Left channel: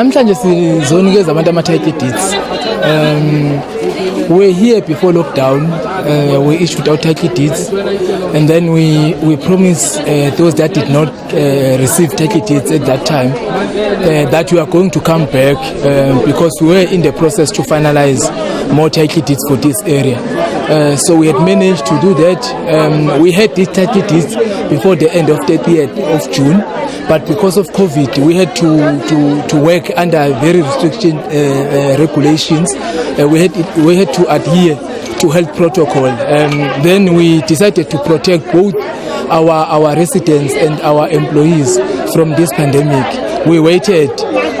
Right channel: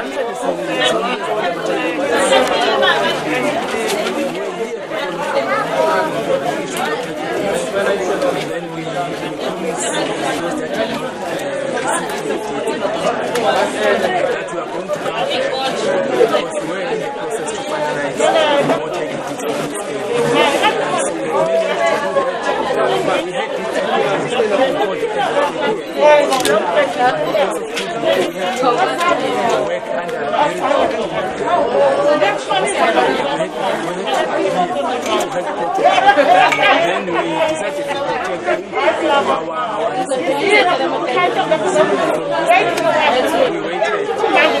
Namhlanje sizonikeza abantu ama-title deeds. We're here before lockdown. We issued our title deeds, and then we promised those that did not receive title deeds at that time that we are going to come back because we were in the process to finalize more title deeds for this area. So we had managed to do that. We had these title deeds before the end of 30th of June, but because of COVID, we had to work under very restricted regulations. We had to adhere to health protocol. Then we decided to protect both our residents and our employees from this pandemic. We waited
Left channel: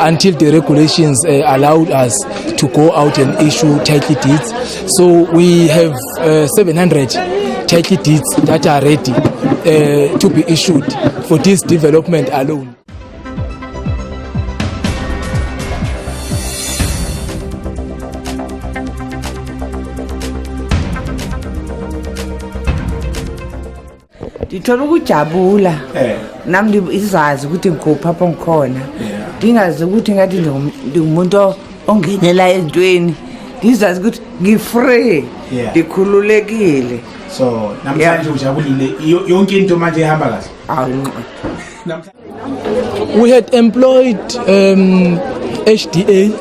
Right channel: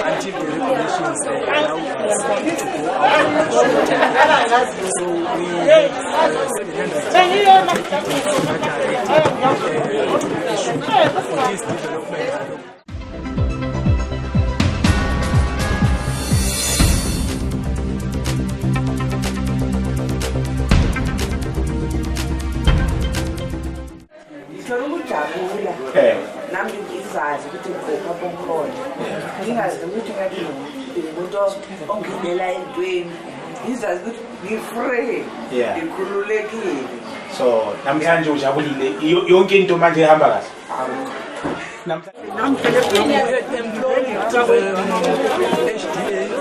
until the regulations allowed us to go out and issue title deeds. So we have 700 title deeds that are ready to be issued for this development alone. Ngithola ukujabula nami izazi ukuthi ngikupha ngikhona ngingazi ukuthi ngathi ngingumuntu ongenela entweni ngizazi ukuthi ngifree ngikhululekile. So namhlanje ujabulile yonke into manje ihamba kahle. We had employed HDA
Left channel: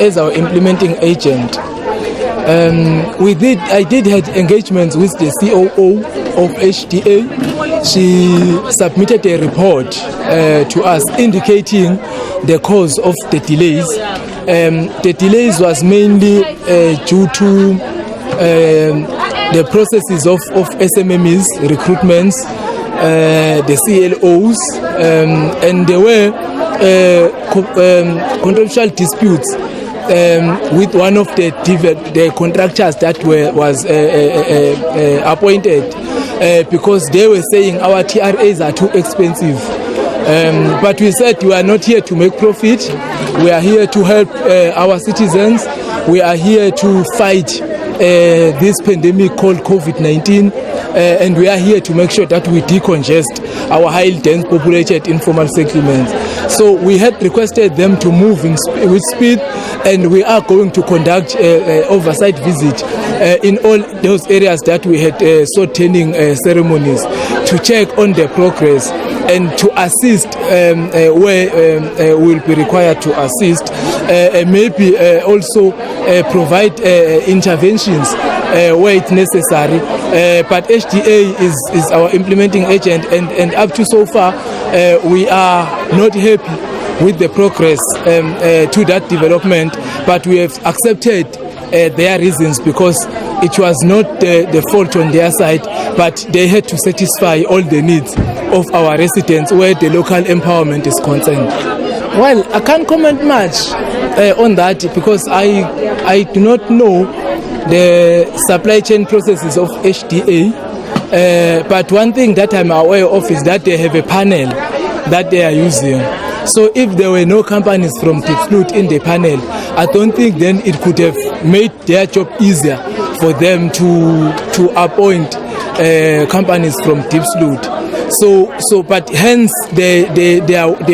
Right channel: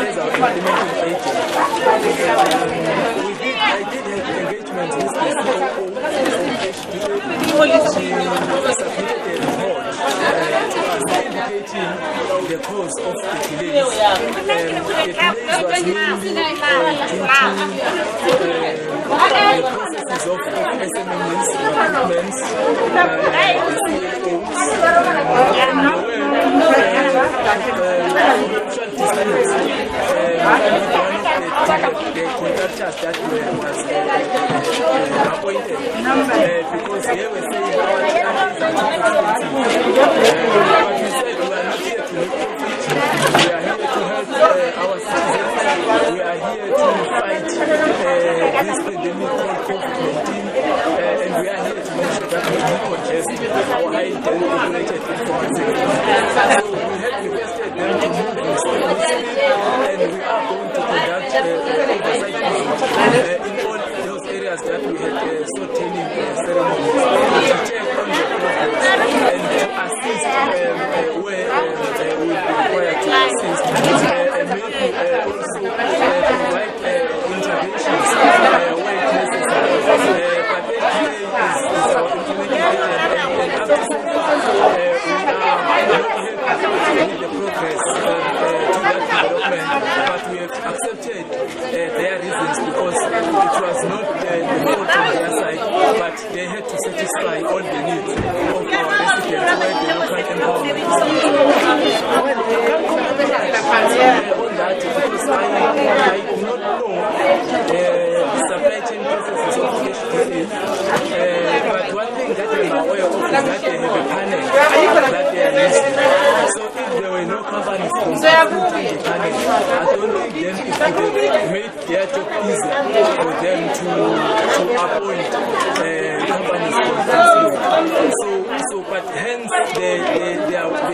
as our implementing agent. I did have engagements with the COO of HDA. She submitted a report to us indicating the cause of the delays. The delays was mainly due to the processes of SMMEs, recruitments, the CLOs, and there were contractual disputes with one of the contractors that was appointed because they were saying our TRAs are too expensive. But we said we are not here to make profit. We are here to help our citizens. We are here to fight this pandemic called COVID-19. And we are here to make sure that we decongest our highly dense populated informal settlements. So we had requested them to move with speed, and we are going to conduct oversight visit in all those areas that we had sought-turning ceremonies to check on the progress and to assist where we will be required to assist, maybe also provide interventions where it's necessary. But HDA is our implementing agent, and up to so far we are not happy with the progress to that development, but we have accepted their reasons because it was not the fault on their side, but they had to satisfy all the needs of our residents where the local empowerment is concerned. Well, I can't comment much on that because I do not know the supply chain processes of HDA, but one thing that I'm aware of is that they have a panel that they are using. So if there were no companies from Diepsloot in the panel, I don't think then it could have made their job easier for them to appoint companies from Diepsloot. So, but hence they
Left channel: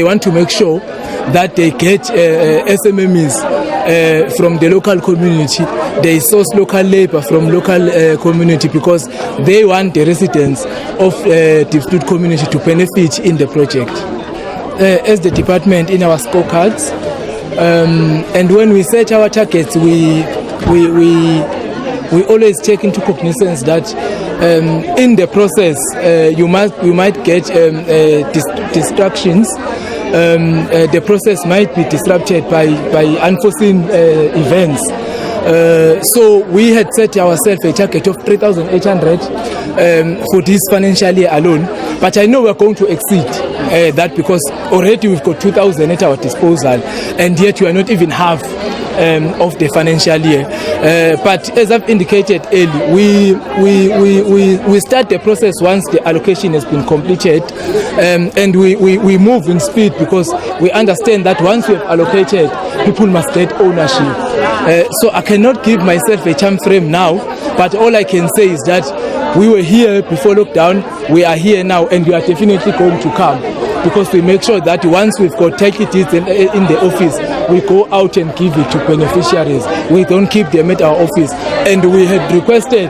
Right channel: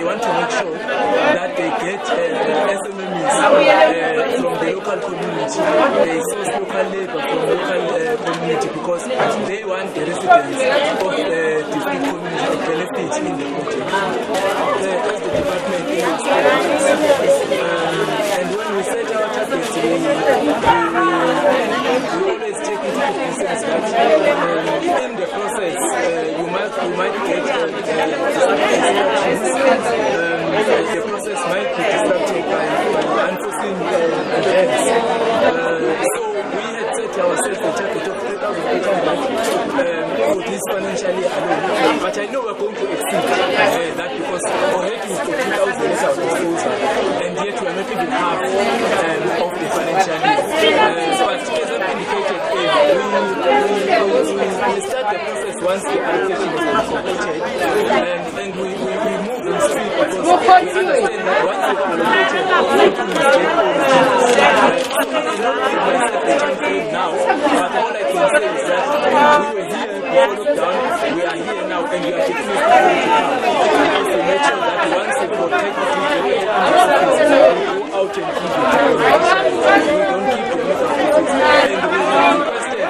want to make sure that they get SMMEs from the local community. They source local labor from local community because they want the residents of Diepsloot community to benefit in the project. As the department in our scorecards, and when we set our targets, we always take into cognizance that in the process you might get distractions. The process might be disrupted by unforeseen events. So we had set ourselves a target of 3,800 for this financial year alone. But I know we're going to exceed that because already we've got 2,000 at our disposal, and yet we are not even half of the financial year. But as I've indicated earlier, we start the process once the allocation has been completed, and we move in speed because we understand that once we've allocated, people must get ownership. So I cannot give myself a time frame now, but all I can say is that we were here before lockdown, we are here now, and we are definitely going to come. because we make sure that once we've got title deeds in the office, we go out and give it to beneficiaries. We don't keep them at our office. And we have requested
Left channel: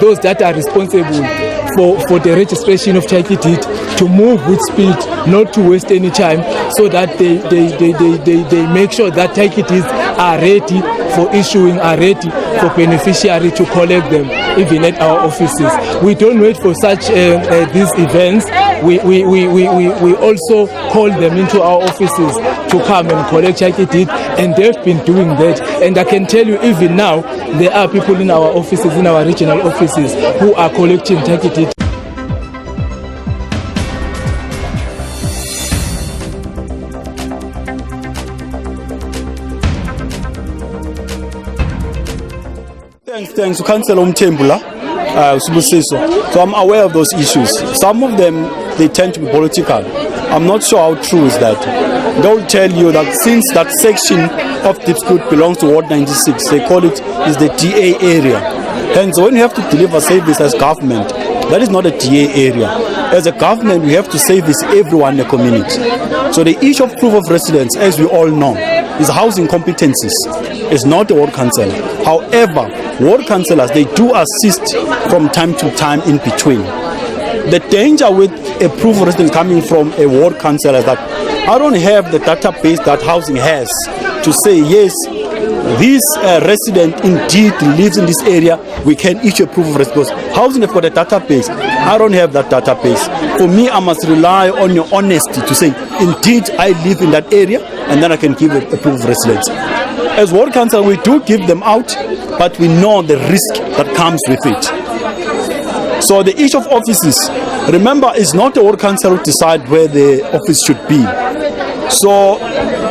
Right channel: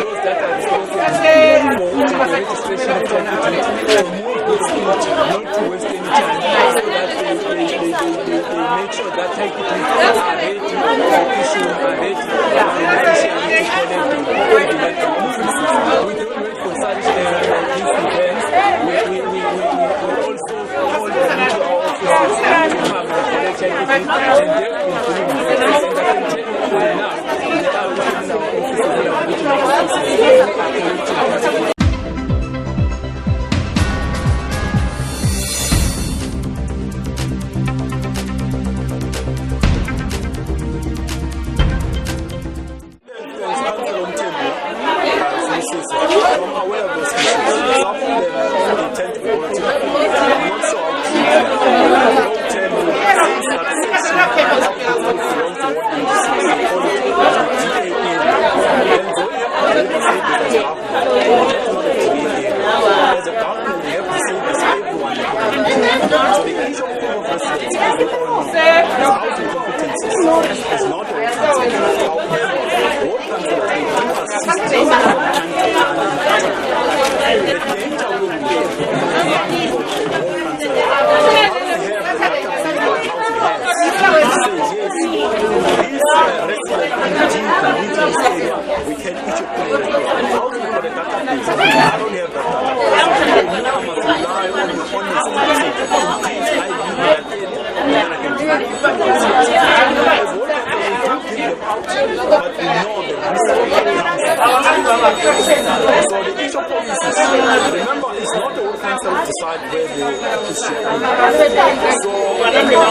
those that are responsible for the registration of title deed to move with speed, not to waste any time, so that they make sure that title deeds are ready for issuing, are ready for beneficiary to collect them, even at our offices. We don't wait for such these events. We also call them into our offices to come and collect title deed, and they've been doing that. And I can tell you, even now, there are people in our offices, in our regional offices, who are collecting title deed. Thanks to Councillor Umthembula, so I'm aware of those issues. Some of them, they tend to be political. I'm not sure how true is that. They'll tell you that since that section of Diepsloot belongs to Ward 96, they call it is the DA area. Hence, when you have to deliver service as government, that is not a DA area. As a government, we have to service everyone in the community. So the issue of proof of residence, as we all know, is housing competencies. It's not a ward council. However, ward councillors, they do assist from time to time in between. The danger with a proof of residence coming from a ward councillor is that I don't have the database that housing has to say, yes, this resident indeed lives in this area, we can issue a proof of residence. Housing have got a database. I don't have that database. For me, I must rely on your honesty to say, indeed, I live in that area, and then I can give a proof of residence. As ward council, we do give them out, but we know the risk that comes with it. So the issue of offices, remember, it's not the ward council who decide where the office should be. So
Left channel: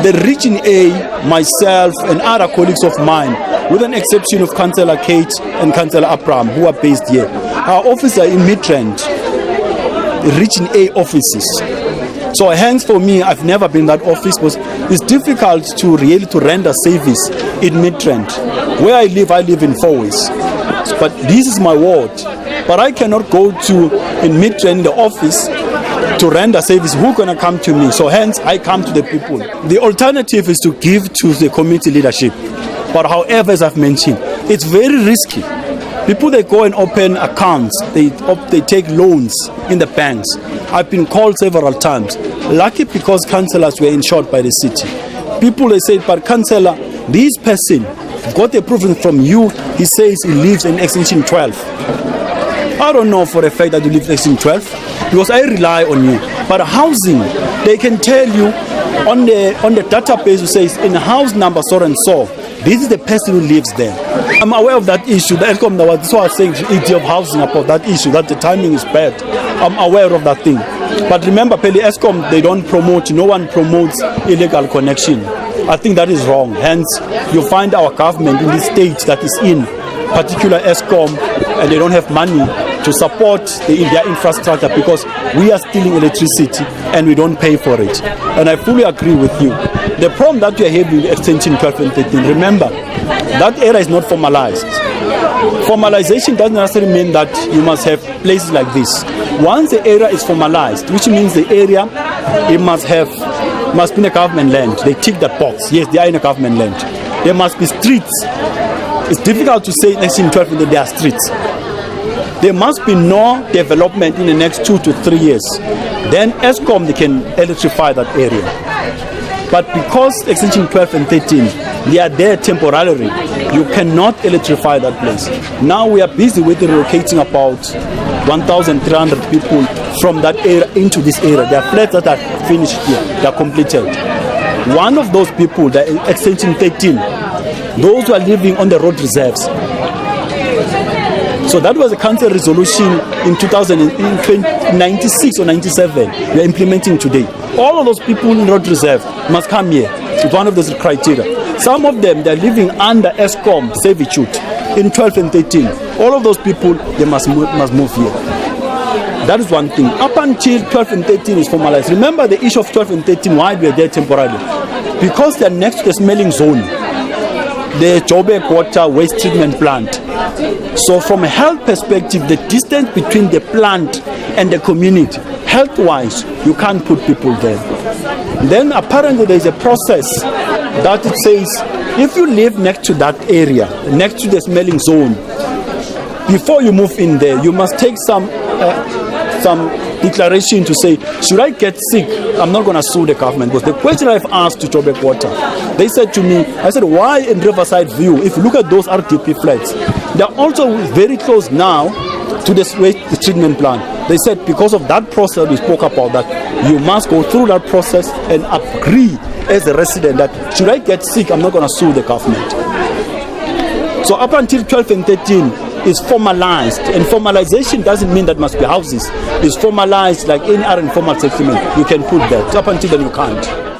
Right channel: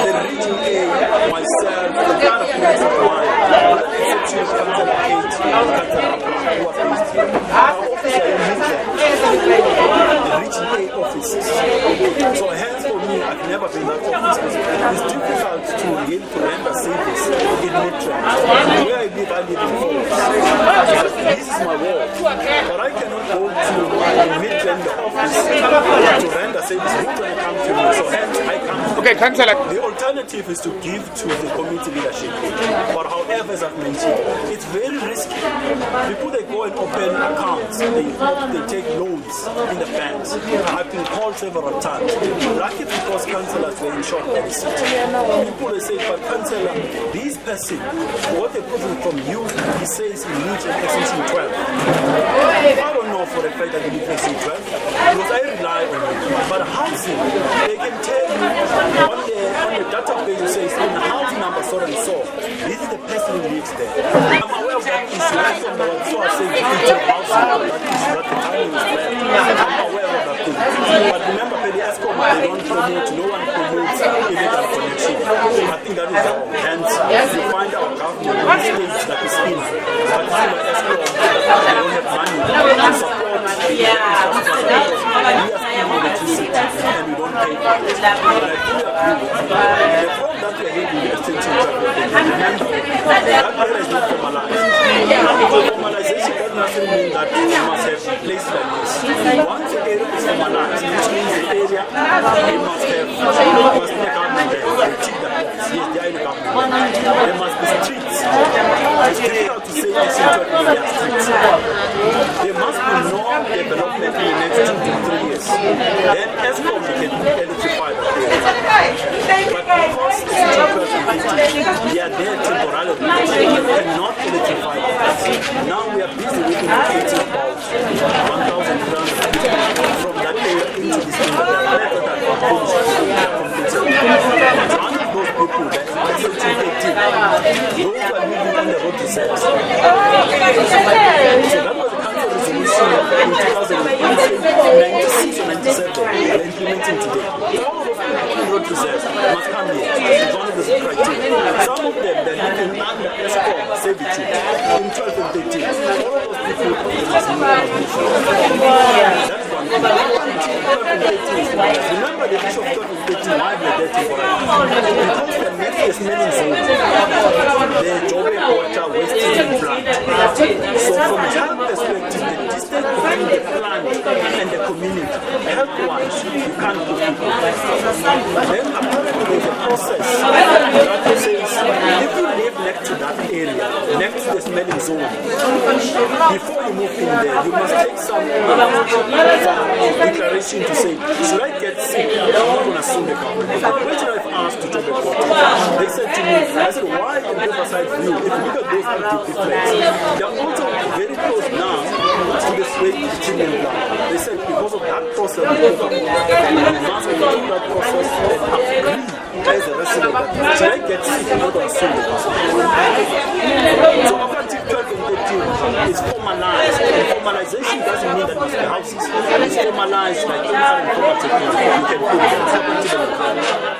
the Region A, myself and other colleagues of mine, with an exception of Councillor Kate and Councillor Abraham, who are based here, our offices are in Midrand, the Region A offices. So hence for me, I've never been in that office because it's difficult to really to render service in Midrand. Where I live in Fourways. But this is my ward. But I cannot go to in Midrand the office to render service. Who's going to come to me? So hence I come to the people. The alternative is to give to the community leadership. But however, as I've mentioned, it's very risky. People, they go and open accounts, they take loans in the banks. I've been called several times. Lucky because councillors were insured by the city. People, they say, but councillor, this person got a proof from you. He says he lives in Extension 12. I don't know for a fact that you live in Extension 12 because I rely on you. But housing, they can tell you on the database who says in house number so and so, this is the person who lives there. I'm aware of that issue. The ESCOM, that's why I was saying to ED of housing about that issue, that the timing is bad. I'm aware of that thing. But remember, Peli ESCOM, they don't promote, no one promotes illegal connection. I think that is wrong. Hence, you find our government in this state that is in particular ESCOM, and they don't have money to support their infrastructure because we are stealing electricity and we don't pay for it. And I fully agree with you. The problem that we are having Extension 12 and 13, remember, that area is not formalized. Formalization doesn't necessarily mean that you must have places like this. Once the area is formalized, which means the area, it must be in a government land. They tick that box. Yes, they are in a government land. There must be streets. It's difficult to say in Extension 12 that there are streets. There must be no development in the next 2 to 3 years. Then ESCOM, they can electrify that area. But because Extension 12 and 13, they are there temporarily, you cannot electrify that place. Now we are busy with relocating about 1,300 people from that area into this area. There are flats that are finished here, they are completed. One of those people, the Extension 13, those who are living on the road reserves. So that was a council resolution in 1996 or 97 we are implementing today. All of those people in road reserve must come here. It's one of those criteria. Some of them, they're living under ESCOM servitude in 12 and 13. All of those people, they must move here. That is one thing. Up until 12 and 13 is formalized. Remember the issue of 12 and 13, why we are there temporarily? Because they're next to the smelling zone, the Joburg water waste treatment plant. So from a health perspective, the distance between the plant and the community health-wise, you can't put people there. Then apparently there's a process that it says, if you live next to that area, next to the smelling zone, before you move in there, you must take some declaration to say, should I get sick? I'm not going to sue the government. But the question I've asked to Joburg Water, they said to me, I said, why in Riverside View? If you look at those RDP flats, they're also very close now to the waste treatment plant. They said because of that process, we spoke about that, you must go through that process and agree as a resident that should I get sick, I'm not going to sue the government. So up until 12 and 13, it's formalized. And formalization doesn't mean that must be houses. It's formalized like in our informal settlement. You can put that. So up until then, you can't.